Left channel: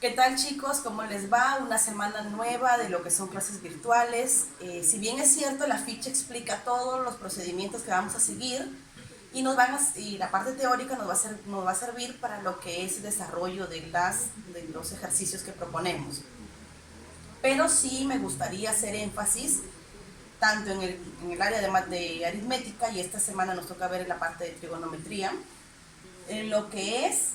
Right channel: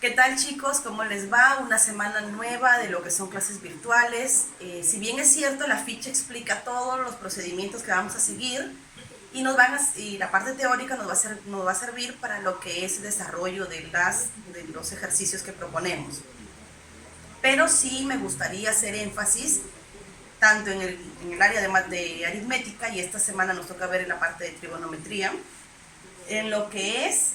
¿Qué tal, chicos? ¿Cómo les va? Una semana nueva de lo que son clases virtuales. Si bien es cierto, la ficha explica todos los procedimientos que vamos a seguir y la parte teórica nos va a servir para lo que es el desarrollo de los ejercicios que proponemos. Pero sí me gustaría hacer énfasis tanto en el área de aritmética, y esta semana nos toca ver en la parte de trigonometría, en lo que es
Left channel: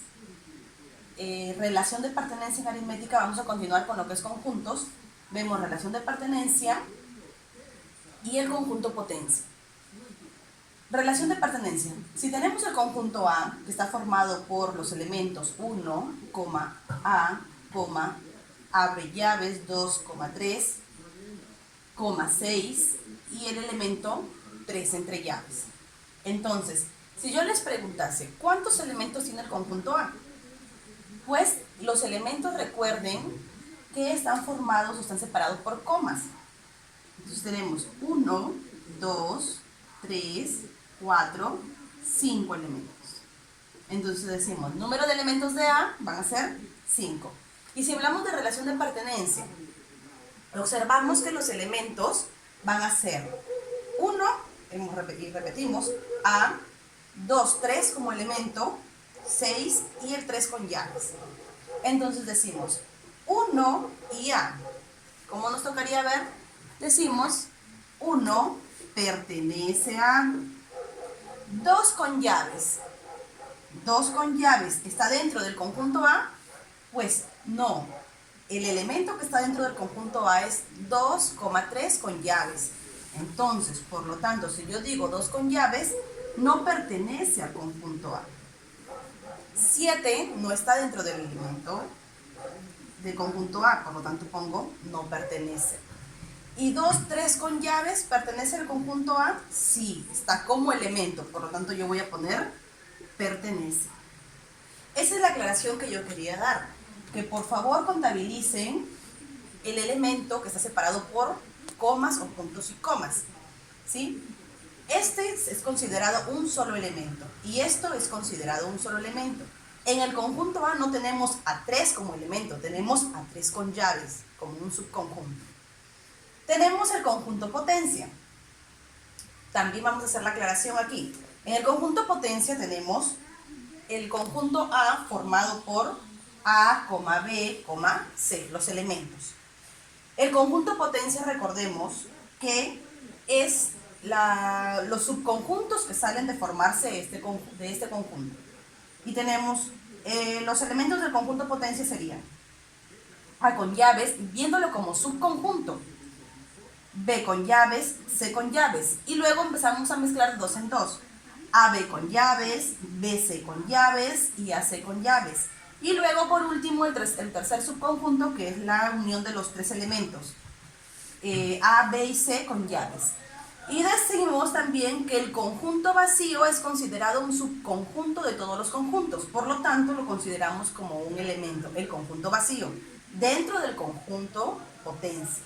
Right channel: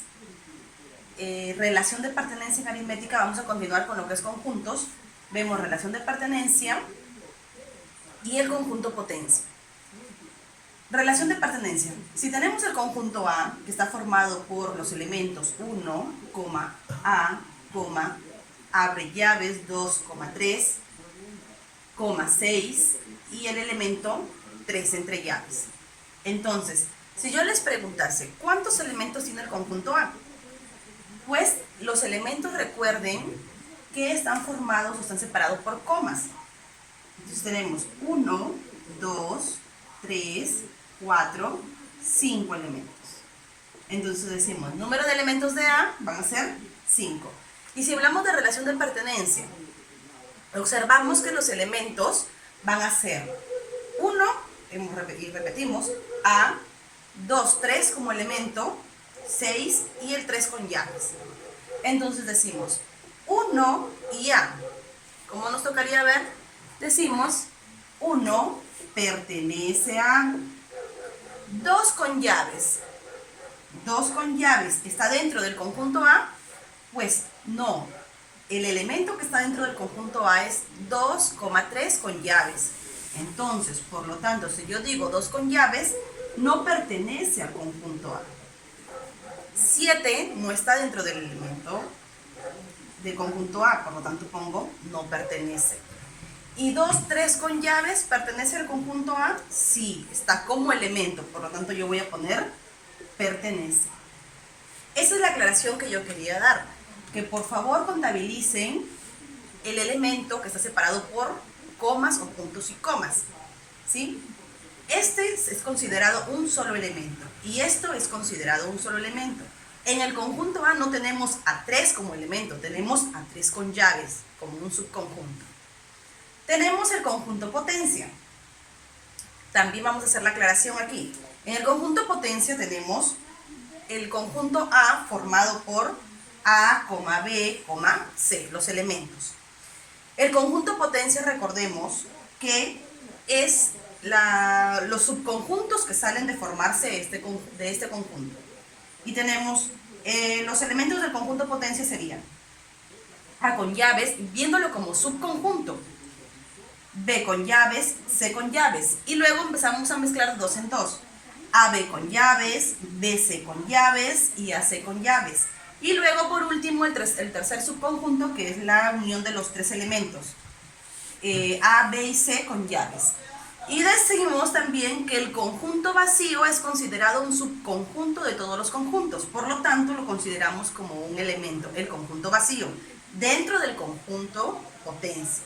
relación de pertenencia en aritmética. Vamos a continuar con lo que es conjuntos. Vemos relación de pertenencia y el conjunto potencia. Relación de pertenencia. Si tenemos el conjunto A, que está formado por los elementos 1, A, abre llaves 2, 3, 6 y el elemento 3 entre llaves. Entonces, si yo les preguntase, ¿cuántos elementos tiene el conjunto A? Pues los elementos, recuerden que están formados o están separados por comas. Entonces tenemos 1, 2, 3, 4, 5 elementos. Entonces decimos, número de elementos de A van a ser 5. Y si hablamos de relación de pertenencia, observamos que los elementos van a ser 1, y repetimos, A, 2, 3 como elemento, 6 y el 3 con llaves. Entonces decimos 1 y A. ¿Cómo nos tocaría ver? Decimos 1 pertenece a 2 con llaves. 2 con llaves está dentro del conjunto A. Pues no, el elemento que está dentro del conjunto A es 2, 3 con llaves. Entonces, por lo tanto, si yo digo 2 con llaves, no pertenece al conjunto A. 7 no está dentro del elemento del conjunto A, por lo tanto pongo no pertenece. Y 2, 3 con llaves, ¿pertenece al conjunto A? Sí, está como elemento, por lo tanto yo voy a poner pertenece. Esa es la aclaración que yo quería dar, que por favor contabilicen el elemento que está separado por comas o puntos y comas, ¿sí? Este es considerado un solo elemento y esto es considerado un solo elemento. En el conjunto A no tenemos a 3 como elemento, tenemos a 3 con llaves como un subconjunto. Tenemos el conjunto potencia. También vamos a hacer la aclaración aquí. En el conjunto potencia tenemos el conjunto A formado por A, B, C, los elementos. El conjunto potencia, recordemos que es los subconjuntos que salen de formarse de este conjunto. Y tenemos los elementos del conjunto potencia serían A con llaves, viéndolo como subconjunto, B con llaves, C con llaves, y luego empezamos a mezclar de dos en dos. AB con llaves, BC con llaves y AC con llaves. Y luego, por último, el tercer subconjunto, que es la unión de los tres elementos, A, B y C con llaves. Y decimos también que el conjunto vacío es considerado un subconjunto de todos los conjuntos. Por lo tanto, lo consideramos como un elemento, el conjunto vacío, dentro del conjunto potencia.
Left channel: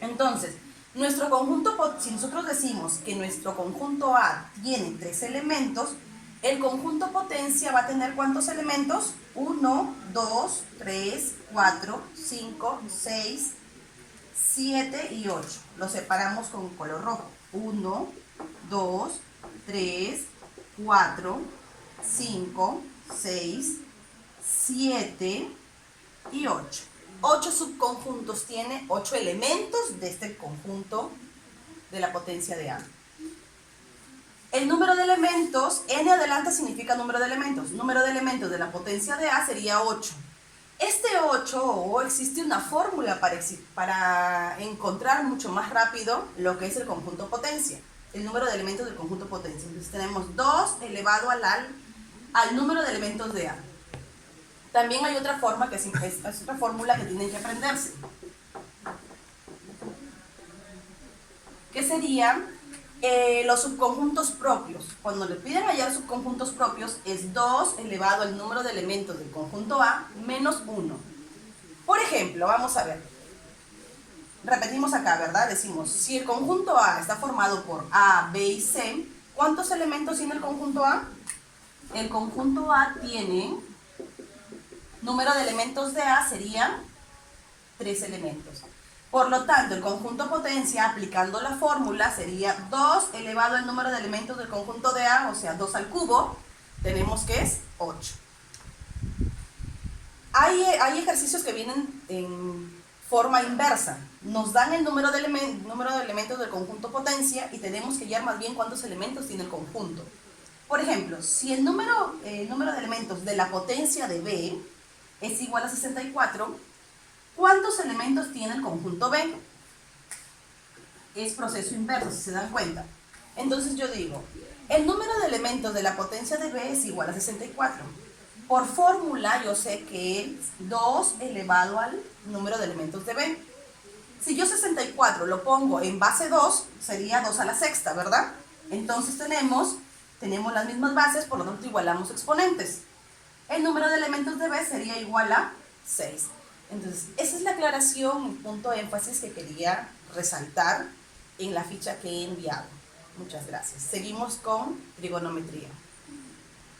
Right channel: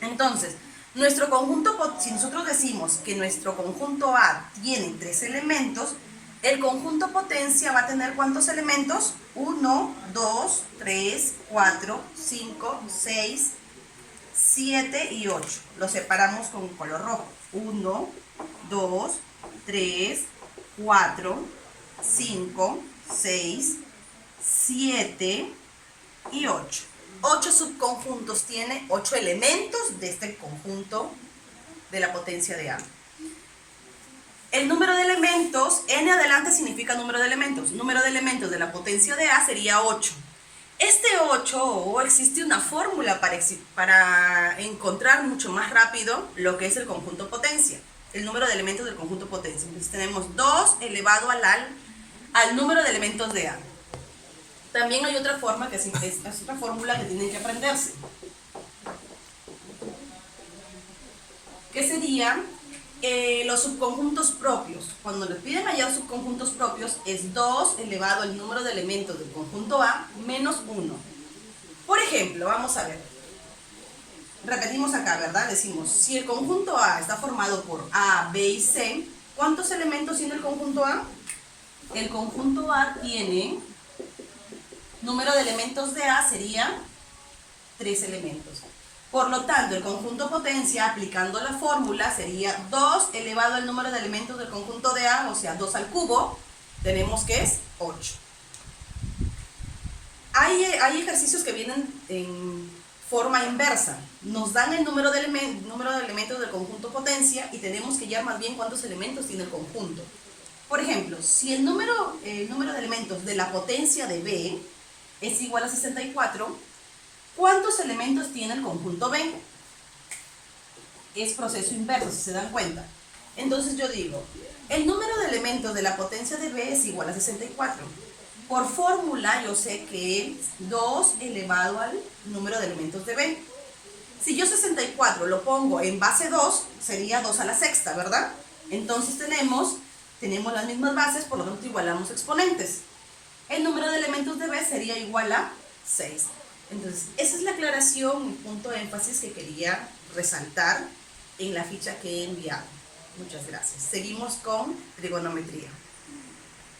Entonces, si nosotros decimos que nuestro conjunto A tiene 3 elementos, el conjunto potencia va a tener ¿cuántos elementos? 1, 2, 3, 4, 5, 6, 7 y 8. Lo separamos con color rojo. 1, 2, 3, 4, 5, 6, 7 y 8. 8 subconjuntos tiene, 8 elementos de este conjunto de la potencia de A. El número de elementos, n adelante significa número de elementos. Número de elementos de la potencia de A sería 8. Este 8, existe una fórmula para encontrar mucho más rápido lo que es el conjunto potencia, el número de elementos del conjunto potencia. Entonces tenemos 2 elevado al número de elementos de A. También hay otra forma, que es otra fórmula que tienen que aprenderse, que sería los subconjuntos propios. Cuando le piden hallar subconjuntos propios, es 2 elevado al número de elementos del conjunto A menos 1. Por ejemplo, vamos a ver. Repetimos acá, ¿verdad? Decimos, si el conjunto A está formado por A, B y C, ¿cuántos elementos tiene el conjunto A? El conjunto A tiene número de elementos de A serían 3 elementos. Por lo tanto, el conjunto potencia, aplicando la fórmula, sería 2 elevado al número de elementos del conjunto de A, o sea, 2 al cubo, tenemos que es 8. Hay ejercicios que vienen en forma inversa. Nos dan el número de elementos del conjunto potencia y tenemos que hallar más bien cuántos elementos tiene el conjunto. Por ejemplo, si el número de elementos de la potencia de B es igual a 64, ¿cuántos elementos tiene el conjunto B? Es proceso inverso, si se dan cuenta. Entonces yo digo, el número de elementos de la potencia de B es igual a 64. Por fórmula yo sé que es 2 elevado al número de elementos de B. Si yo 64 lo pongo en base 2, sería 2 a la sexta, ¿verdad? Entonces tenemos las mismas bases, por lo tanto igualamos exponentes. El número de elementos de B sería igual a 6. Entonces, esa es la aclaración, punto de énfasis que quería resaltar en la ficha que he enviado. Muchas gracias. Seguimos con trigonometría.